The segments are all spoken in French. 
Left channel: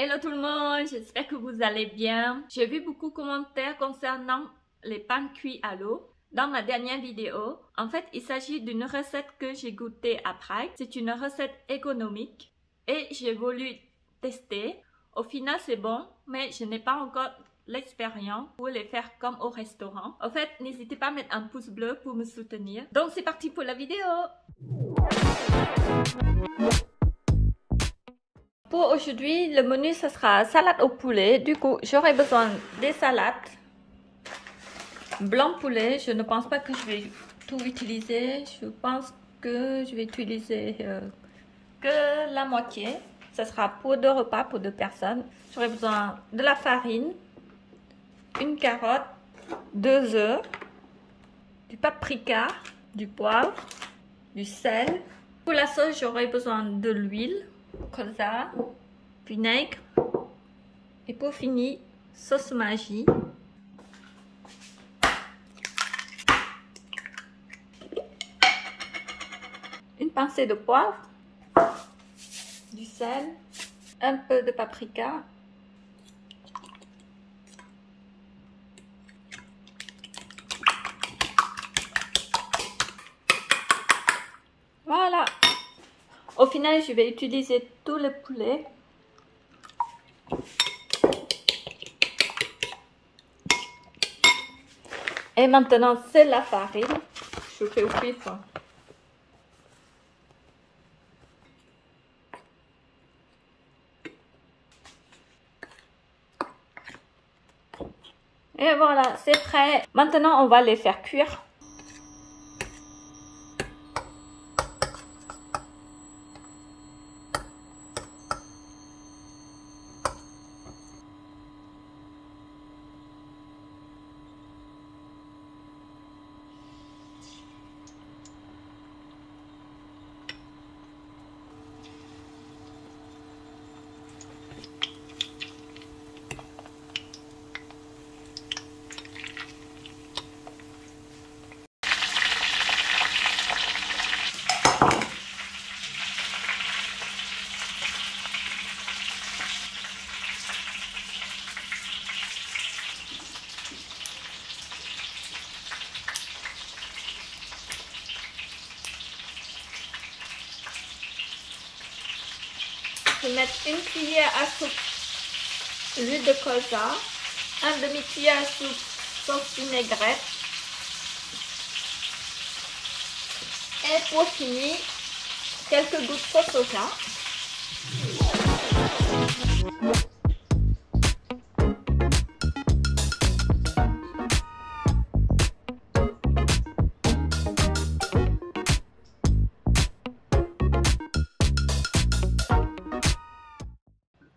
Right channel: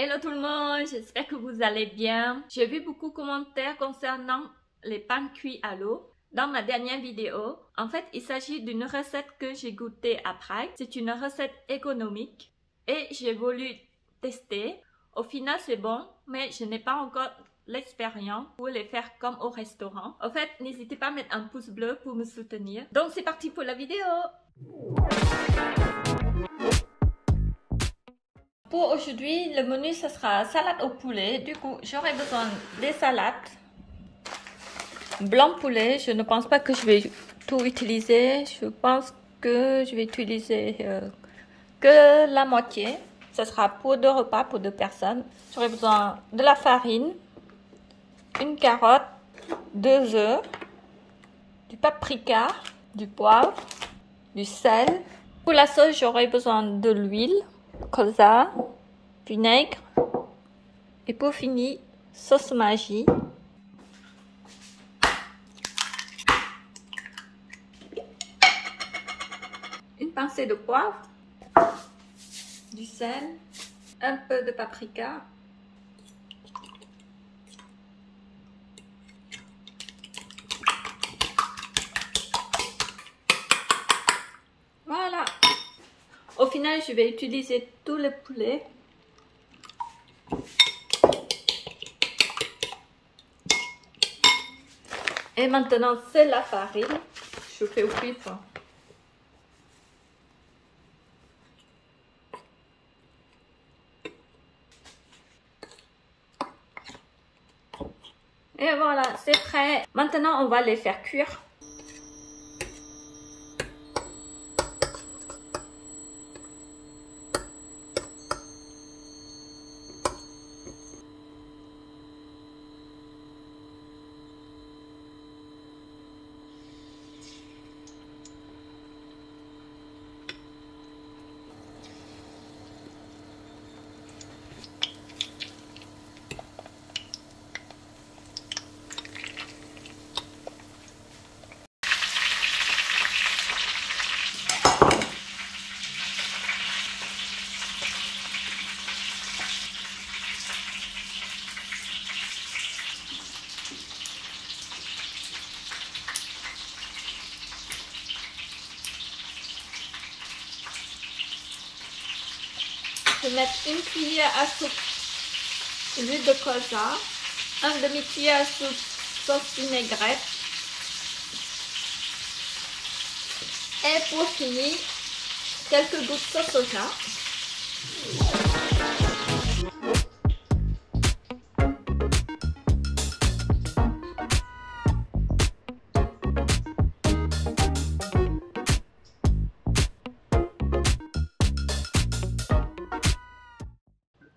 Hello tout le monde, j'espère que vous allez bien. J'ai vu beaucoup de commentaires concernant les pains cuits à l'eau dans ma dernière vidéo. En fait, il s'agit d'une recette que j'ai goûtée à Prague. C'est une recette économique et j'ai voulu tester. Au final, c'est bon, mais je n'ai pas encore l'expérience pour les faire comme au restaurant. En fait, n'hésitez pas à mettre un pouce bleu pour me soutenir. Donc, c'est parti pour la vidéo. Pour aujourd'hui, le menu, ce sera salade au poulet. Du coup, j'aurai besoin des salades. Blanc poulet, je ne pense pas que je vais tout utiliser. Je pense que je vais utiliser que la moitié. Ce sera pour 2 repas, pour 2 personnes. J'aurai besoin de la farine, une carotte, 2 œufs, du paprika, du poivre, du sel. Pour la sauce, j'aurai besoin de l'huile, colza, vinaigre et pour finir, sauce Maggi. Une pincée de poivre, du sel, un peu de paprika. Voilà. Au final, je vais utiliser tout le poulet. Et maintenant, c'est la farine. Je fais au pif. Et voilà, c'est prêt. Maintenant, on va les faire cuire. Je vais mettre une cuillère à soupe d'huile de colza, un demi-cuillère à soupe sauce vinaigrette et pour finir, quelques gouttes de soja.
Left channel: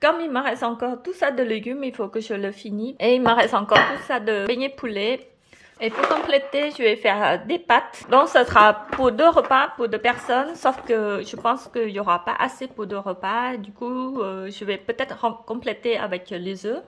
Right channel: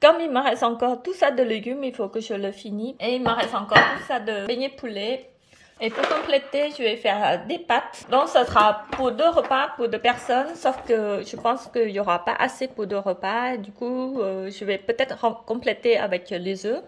Comme il me reste encore tout ça de légumes, il faut que je le finisse. Et il me reste encore tout ça de beignets poulet. Et pour compléter, je vais faire des pâtes. Donc, ça sera pour 2 repas, pour 2 personnes. Sauf que je pense qu'il n'y aura pas assez pour 2 repas. Du coup, je vais peut-être compléter avec les œufs.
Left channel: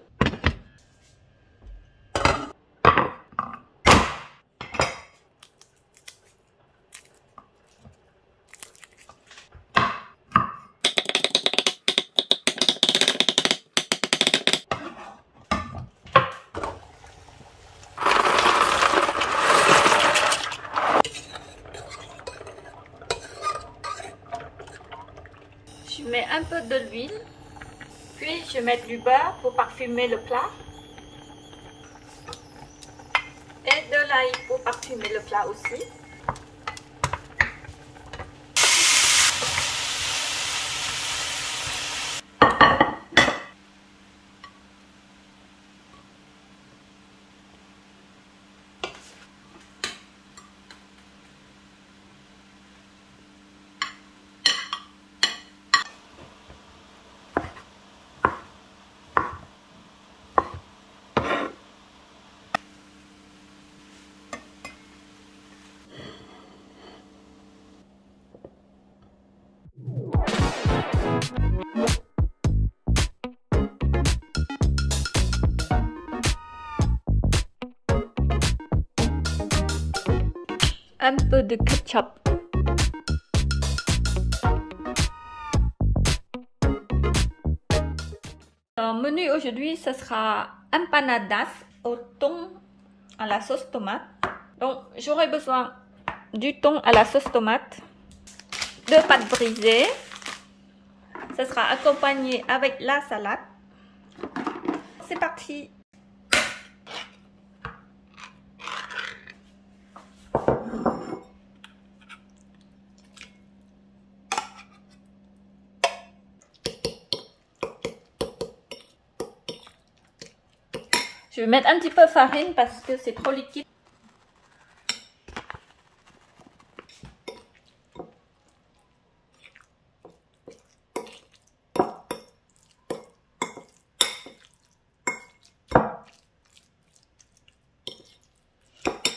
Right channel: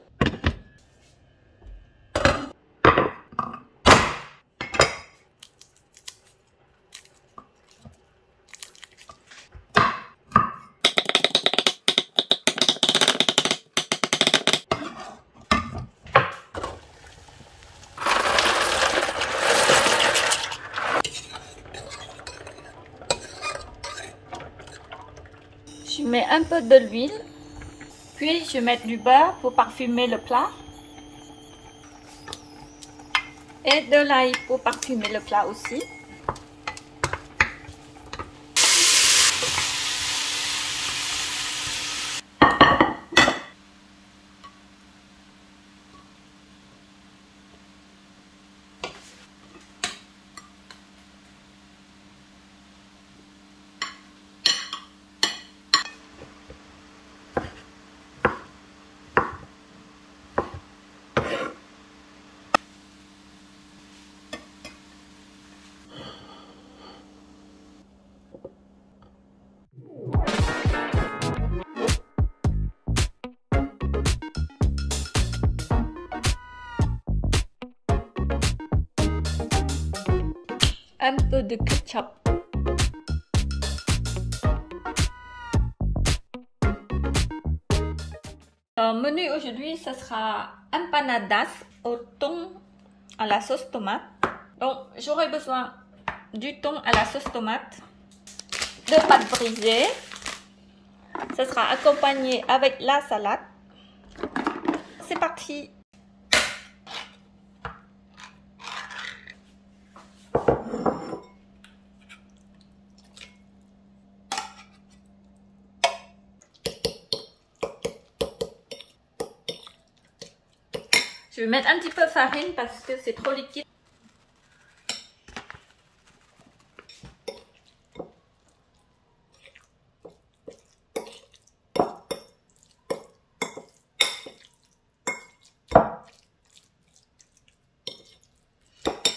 Je mets un peu de l'huile, puis je mets du beurre pour parfumer le plat et de l'ail pour parfumer le plat aussi. Un peu de ketchup. Le menu aujourd'hui, ce sera empanadas au thon à la sauce tomate. Donc, j'aurai besoin du thon à la sauce tomate, de pâte brisée. Ce sera accompagné avec la salade. C'est parti! Je vais mettre un petit peu de farine parce que c'est trop liquide.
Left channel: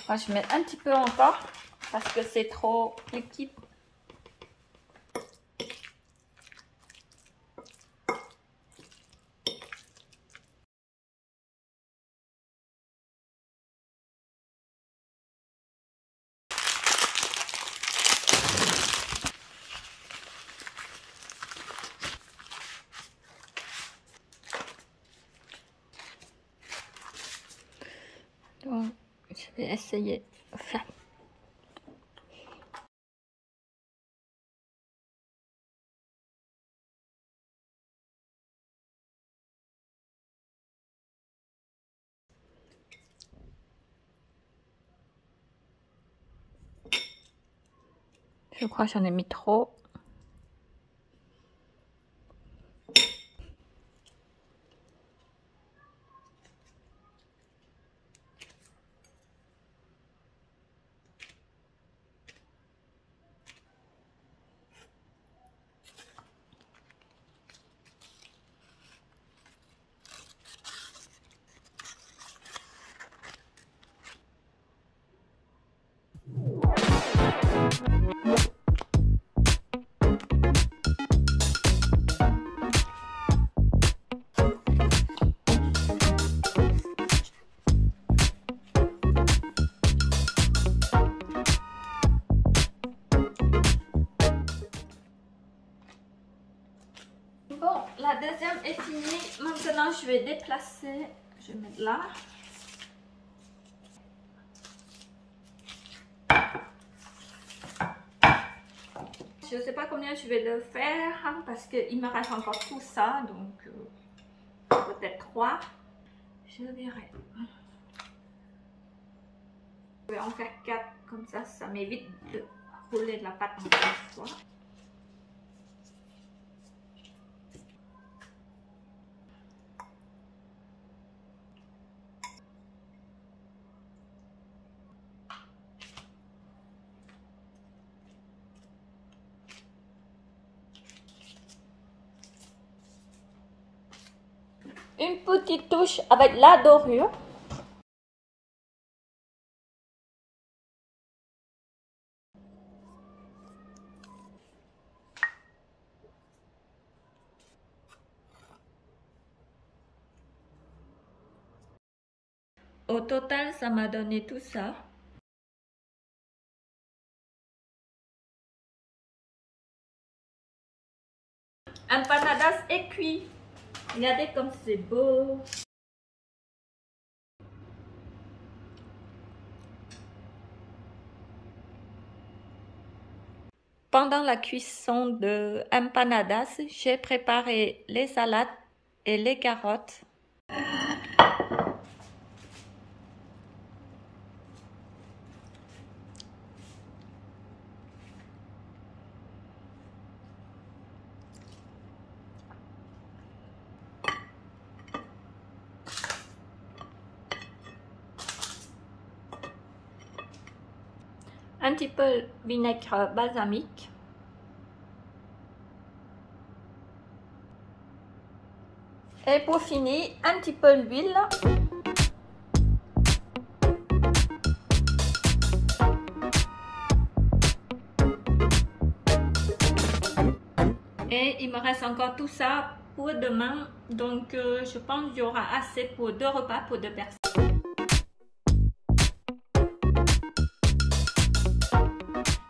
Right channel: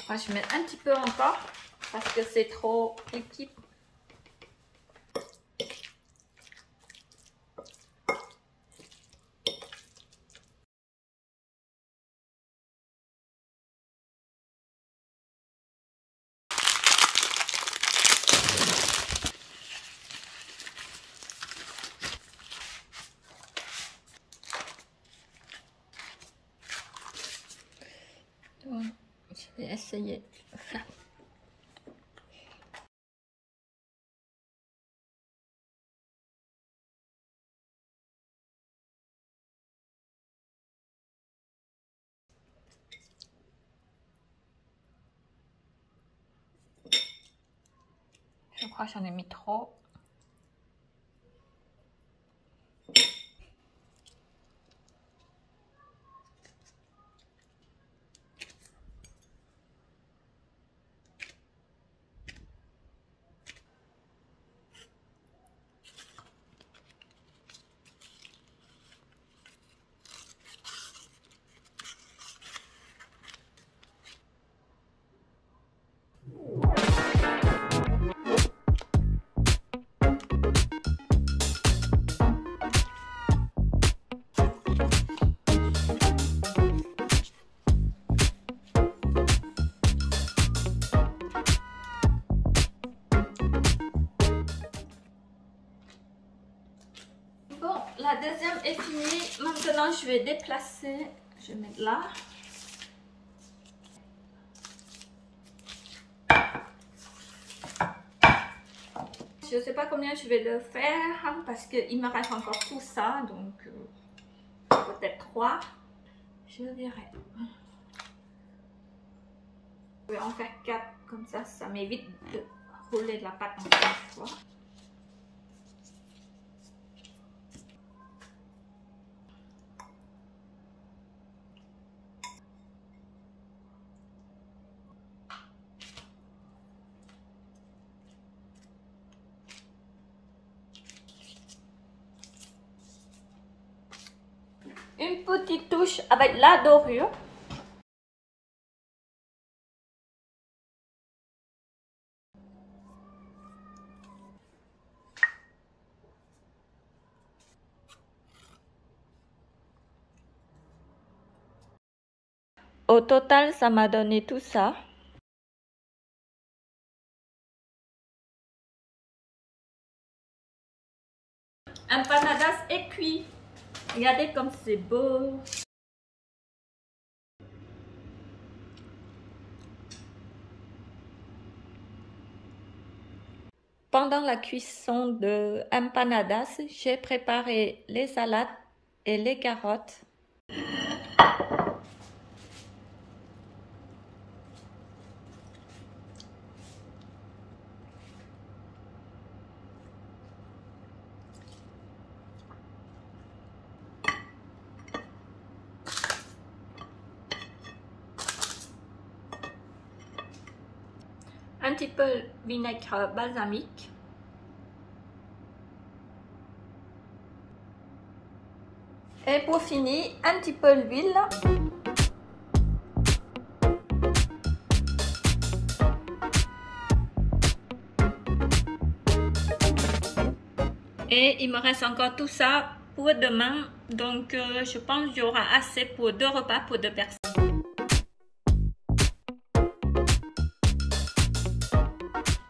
Moi, je vais mettre un petit peu encore parce que c'est trop liquide. Donc, je vais essayer ça. Je crois que j'en ai mis trop. Bon, la deuxième est finie. Maintenant, je vais déplacer. Je vais mettre là. Je ne sais pas combien je vais le faire parce qu'il me reste encore tout ça. Donc, peut-être 3. Je verrai. Je vais en faire 4. Comme ça m'évite de rouler de la pâte encore une fois. Une petite touche avec la dorure. Au total, ça m'a donné tout ça. Empanadas est cuit. Regardez comme c'est beau. Pendant la cuisson de empanadas, j'ai préparé les salades et les carottes. Un petit peu de vinaigre balsamique. Et pour finir, un petit peu d'huile. Et il me reste encore tout ça pour demain. Donc je pense qu'il y aura assez pour 2 repas pour 2 personnes.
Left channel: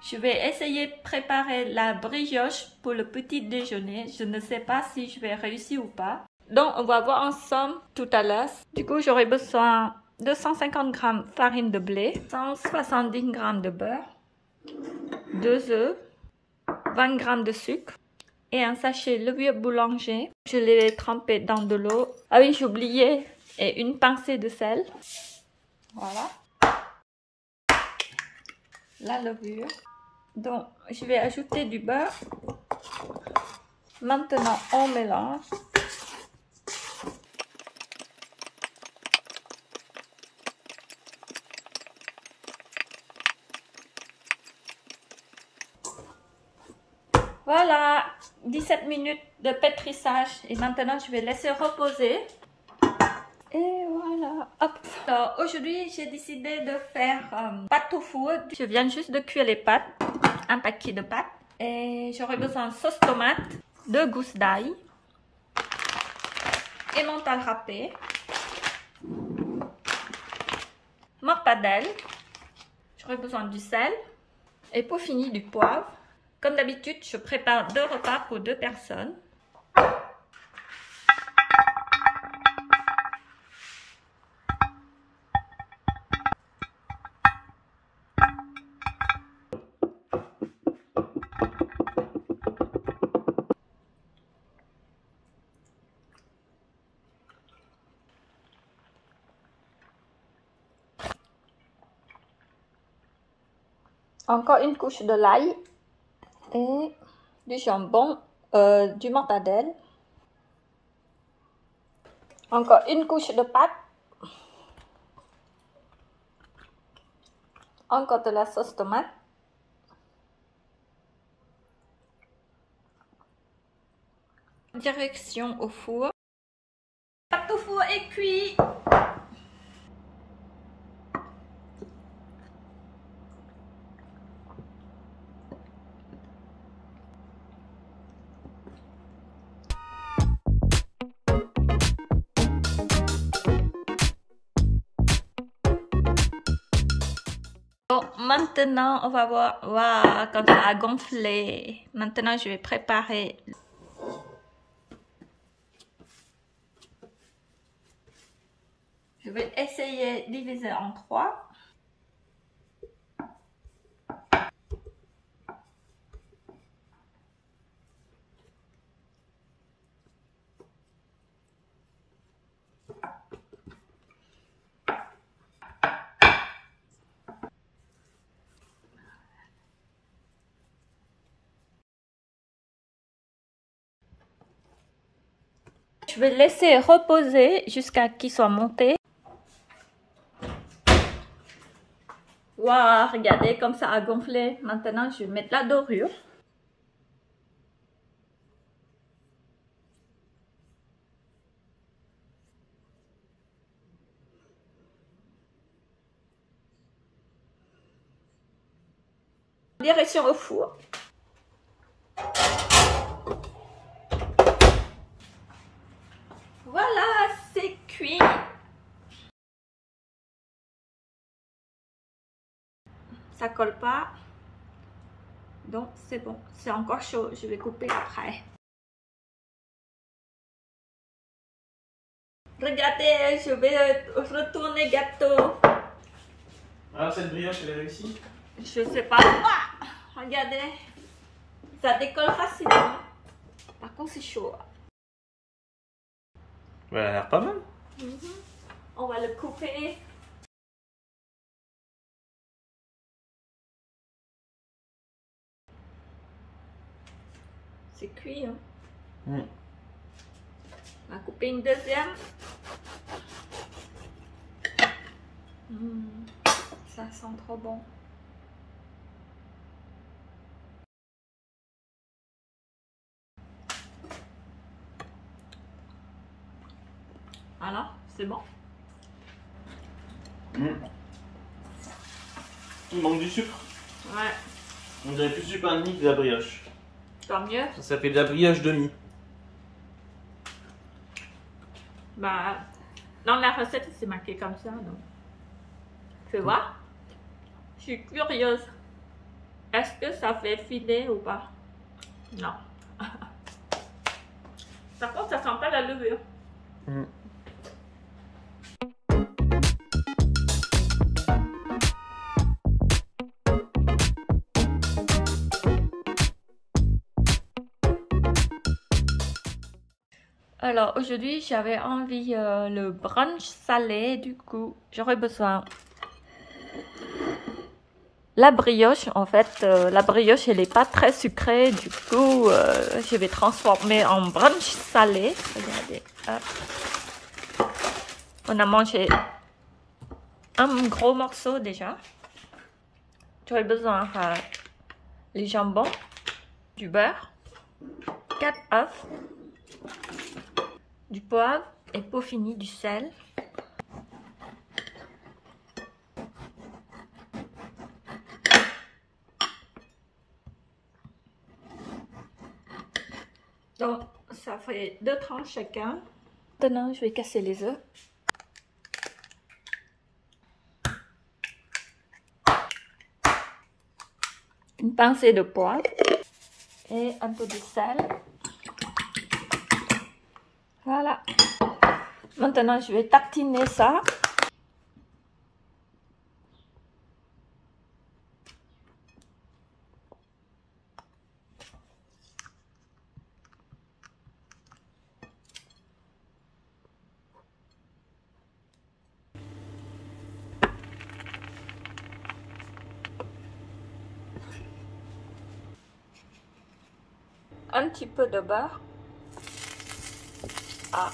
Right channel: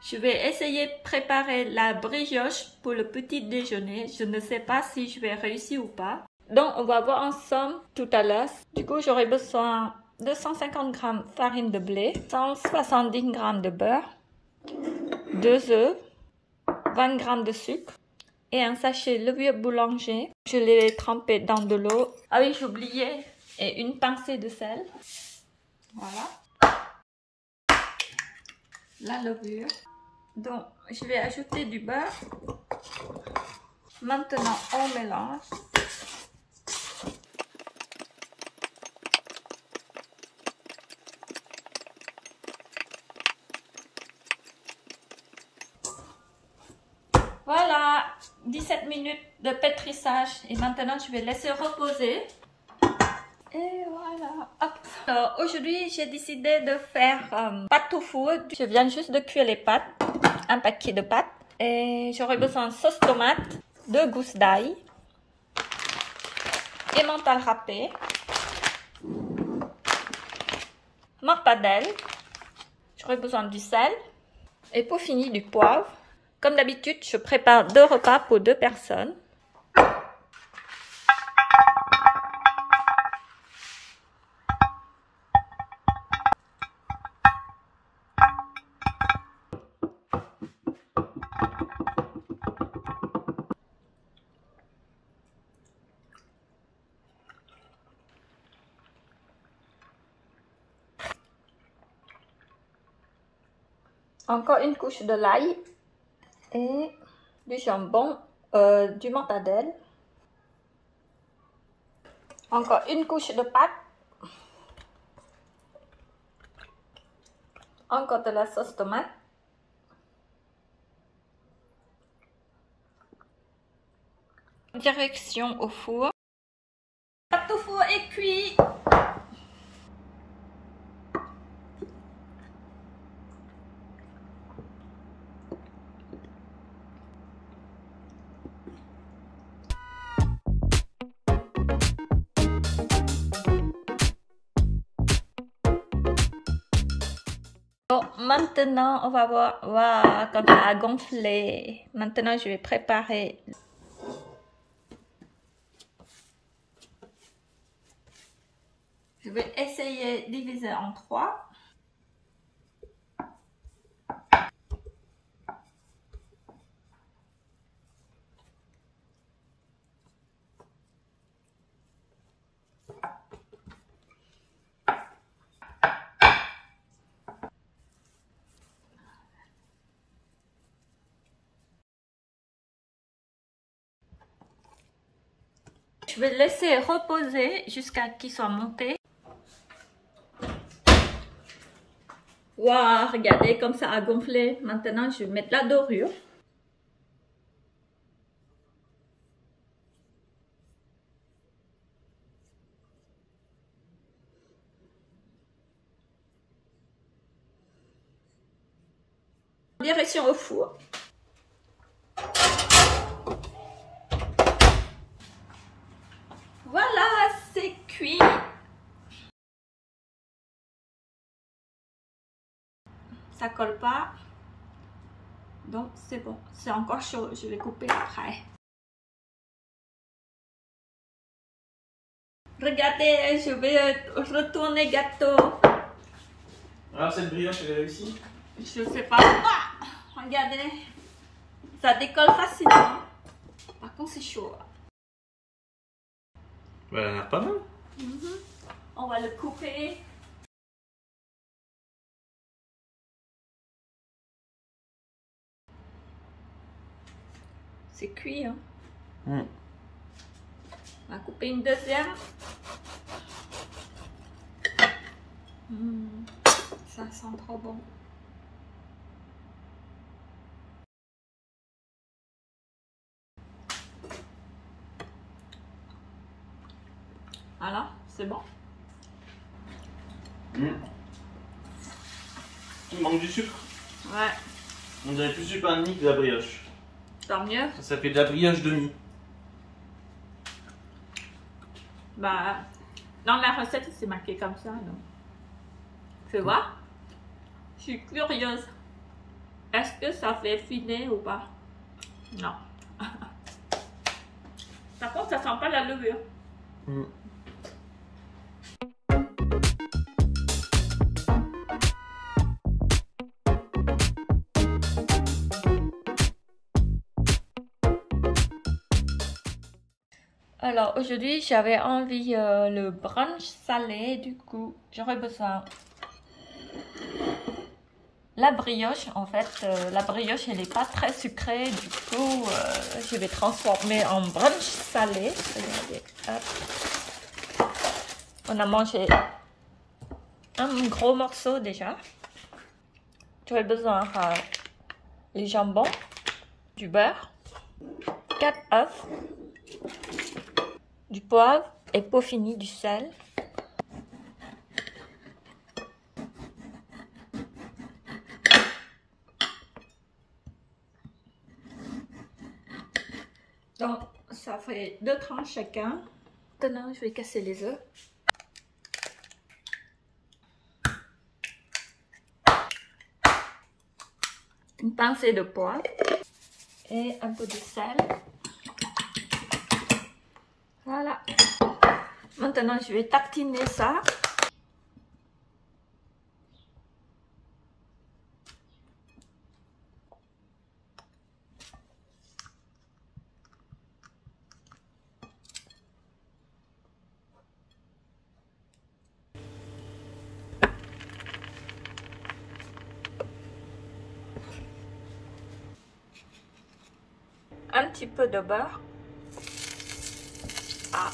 Je vais essayer de préparer la brioche pour le petit déjeuner. Je ne sais pas si je vais réussir ou pas. Donc, on va voir ensemble tout à l'heure. Du coup, j'aurai besoin de 250 g farine de blé, 170 g de beurre, 2 œufs, 20 g de sucre et un sachet levure boulanger. Je l'ai trempé dans de l'eau. Ah oui, j'ai oublié. Et une pincée de sel. Voilà. La levure. Donc, je vais ajouter du beurre. Maintenant, on mélange. Voilà, 17 minutes de pétrissage. Et maintenant, je vais laisser reposer. Et voilà. Hop. Alors, aujourd'hui, j'ai décidé de faire pâte au four. Je viens juste de cuire les pâtes. Un paquet de pâtes. Et j'aurai besoin de sauce tomate, 2 gousses d'ail, emmental râpé, mortadelle. J'aurai besoin du sel. Et pour finir, du poivre. Comme d'habitude, je prépare 2 repas pour 2 personnes. Encore une couche de l'ail et du jambon, du mortadelle. Encore une couche de pâte. Encore de la sauce tomate. Direction au four. Pâte au four est cuit. Bon, maintenant, on va voir, wow, comme ça a gonflé. Maintenant, je vais préparer. Je vais essayer de diviser en 3. Je vais laisser reposer jusqu'à qu'il soit monté. Waouh, regardez comme ça a gonflé. Maintenant, je vais mettre la dorure. Direction au four. Voilà, c'est cuit. Ça colle pas. Donc, c'est bon. C'est encore chaud. Je vais couper après. Regardez, je vais retourner gâteau. Alors, cette brioche, elle est réussie? Je sais pas. Ah, regardez. Ça décolle facilement. Par contre, c'est chaud. Ouais, elle a l'air pas mal. On va le couper. C'est cuit, hein. On va couper une deuxième. Ça sent trop bon. Voilà, c'est bon. Il manque du sucre. Ouais. On dirait plus sucre un demi que de la brioche. Tant mieux. Ça fait de la brioche demi. Bah, dans la recette, c'est marqué comme ça, donc. Fais voir. Je suis curieuse. Est-ce que ça fait filer ou pas? Non. Par contre, ça sent pas la levure. Mm. Alors aujourd'hui j'avais envie le brunch salé, du coup j'aurais besoin la brioche. En fait la brioche elle n'est pas très sucrée, du coup je vais transformer en brunch salé. Regardez, hop. On a mangé un gros morceau déjà. J'aurais besoin les jambons, du beurre, 4 œufs, du poivre et pour finir du sel. Donc ça fait 2 tranches chacun. Maintenant je vais casser les œufs. Une pincée de poivre et un peu de sel. Voilà. Maintenant, je vais tartiner ça. Un petit peu de beurre. Ah.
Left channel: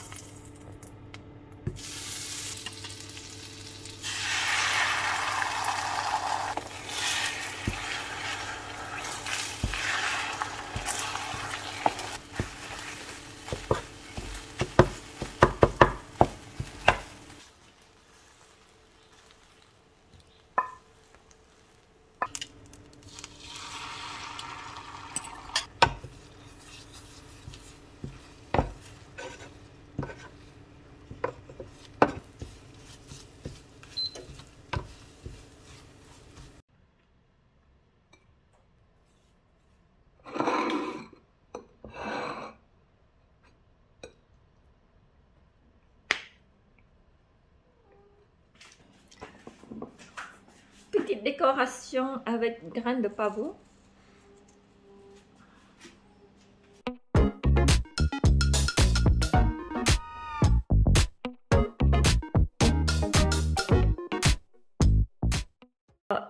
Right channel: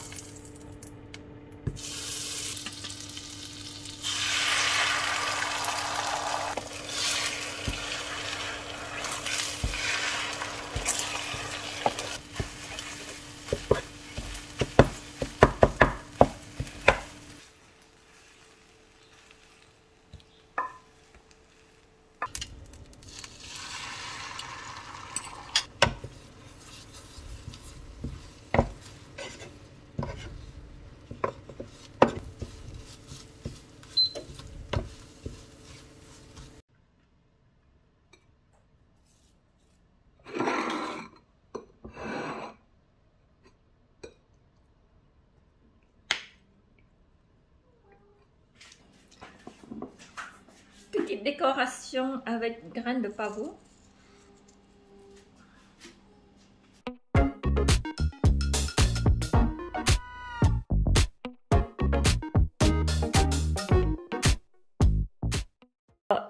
Petite décoration avec graines de pavot.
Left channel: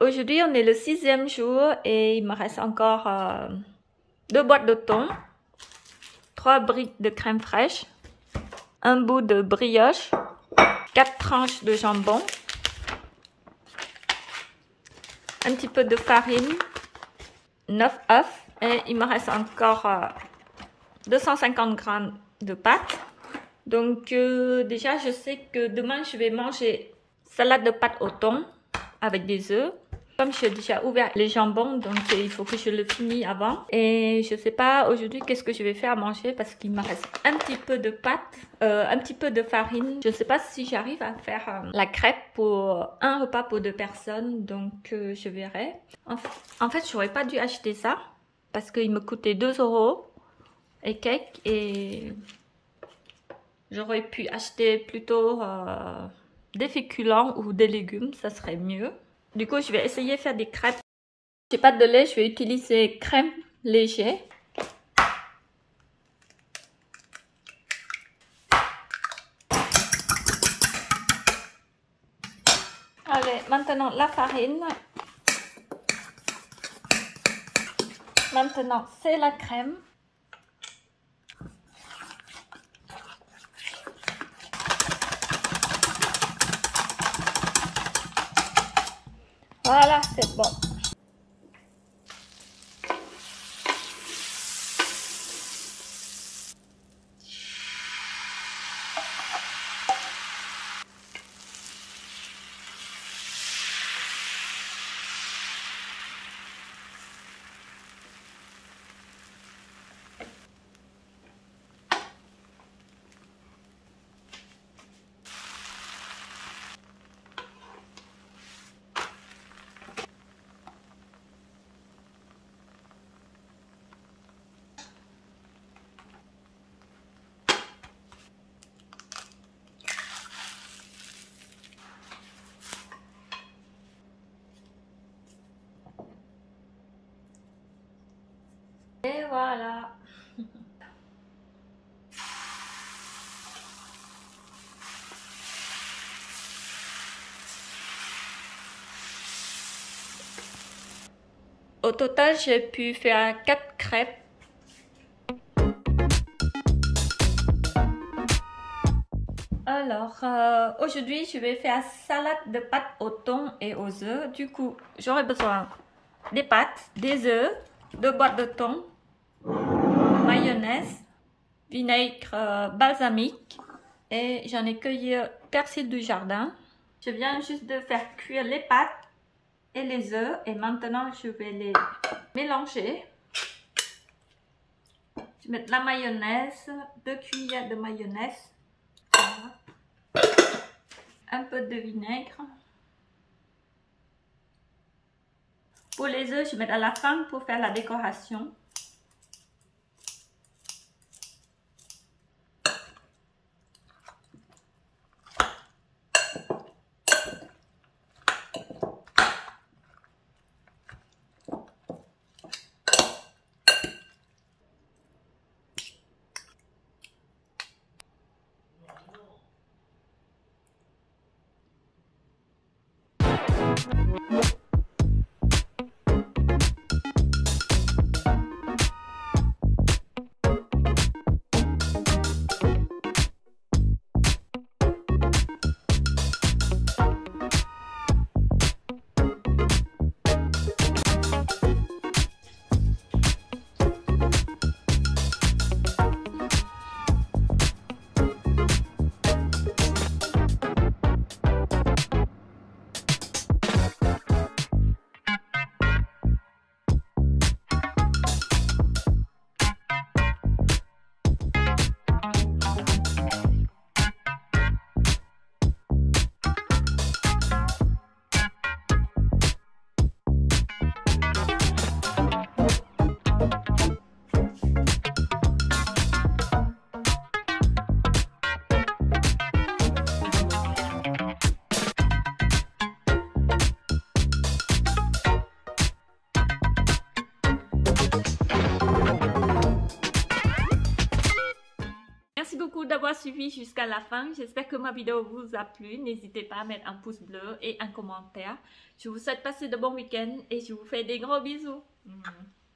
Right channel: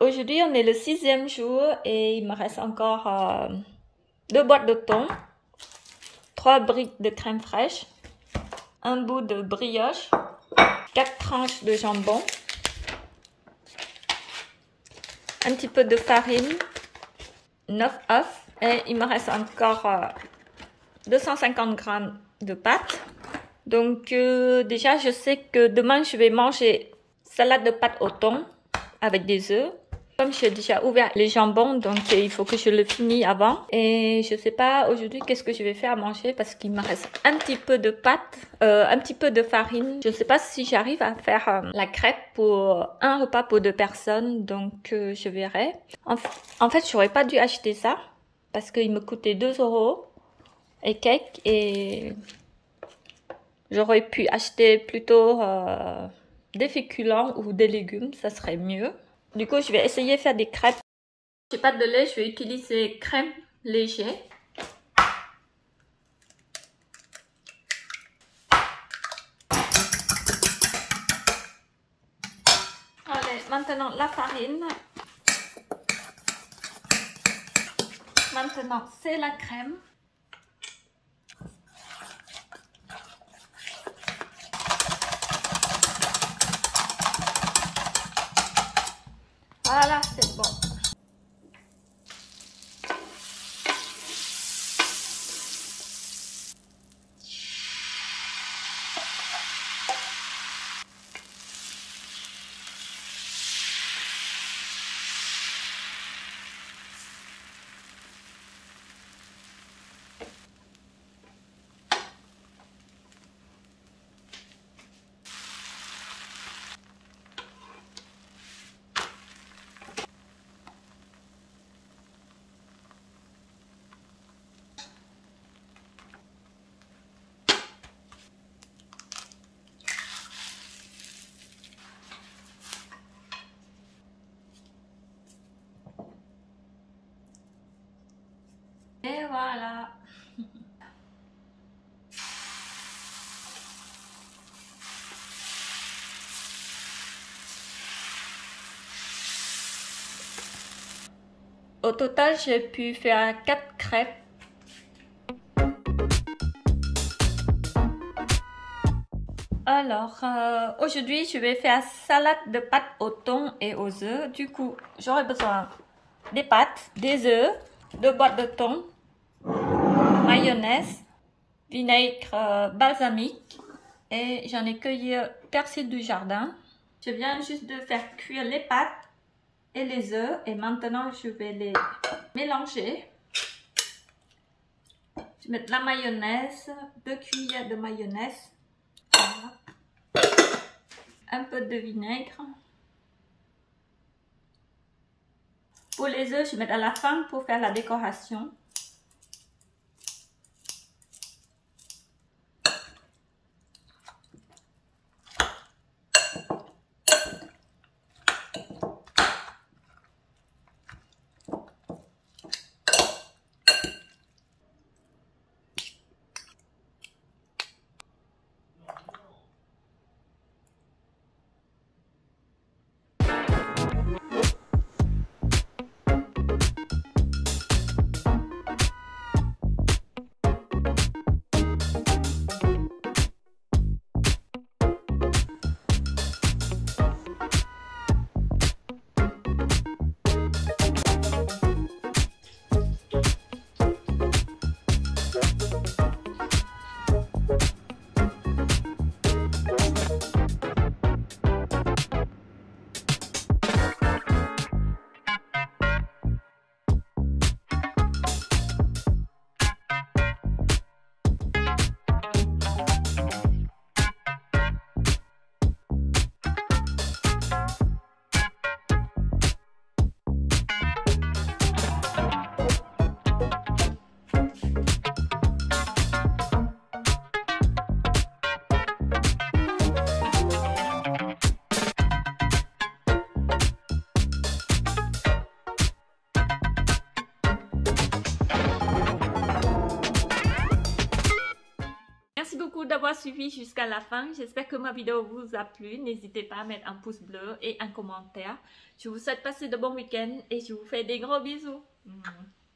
Aujourd'hui, on est le 6e jour et il me reste encore 2 boîtes de thon, 3 briques de crème fraîche, un bout de brioche, 4 tranches de jambon, un petit peu de farine, 9 œufs et il me reste encore 250 g de pâte. Donc déjà, je sais que demain, je vais manger salade de pâte au thon avec des œufs. Comme j'ai déjà ouvert les jambons, donc il faut que je le finisse avant. Et je sais pas aujourd'hui qu'est-ce que je vais faire à manger parce qu'il me reste un petit peu de pâte, un petit peu de farine. Je sais pas si j'arrive à faire la crêpe pour un repas pour 2 personnes, donc je verrai. En fait, j'aurais pas dû acheter ça parce qu'il me coûtait 2 € et quelques et j'aurais pu acheter plutôt des féculents ou des légumes, ça serait mieux. Du coup, je vais essayer de faire des crêpes. J'ai pas de lait, je vais utiliser crème léger. Allez, maintenant la farine. Maintenant, c'est la crème. Voilà, c'est bon. Et voilà. Au total, j'ai pu faire 4 crêpes. Alors, aujourd'hui, je vais faire salade de pâtes au thon et aux œufs. Du coup, j'aurai besoin des pâtes, des œufs, 2 boîtes de thon, mayonnaise, vinaigre balsamique et j'en ai cueilli persil du jardin. Je viens juste de faire cuire les pâtes et les œufs et maintenant je vais les mélanger. Je vais mettre la mayonnaise, 2 cuillères de mayonnaise, voilà. Un peu de vinaigre. Pour les œufs, je vais mettre à la fin pour faire la décoration. Merci beaucoup d'avoir suivi jusqu'à la fin. J'espère que ma vidéo vous a plu. N'hésitez pas à mettre un pouce bleu et un commentaire. Je vous souhaite passer de bons week-ends et je vous fais des gros bisous.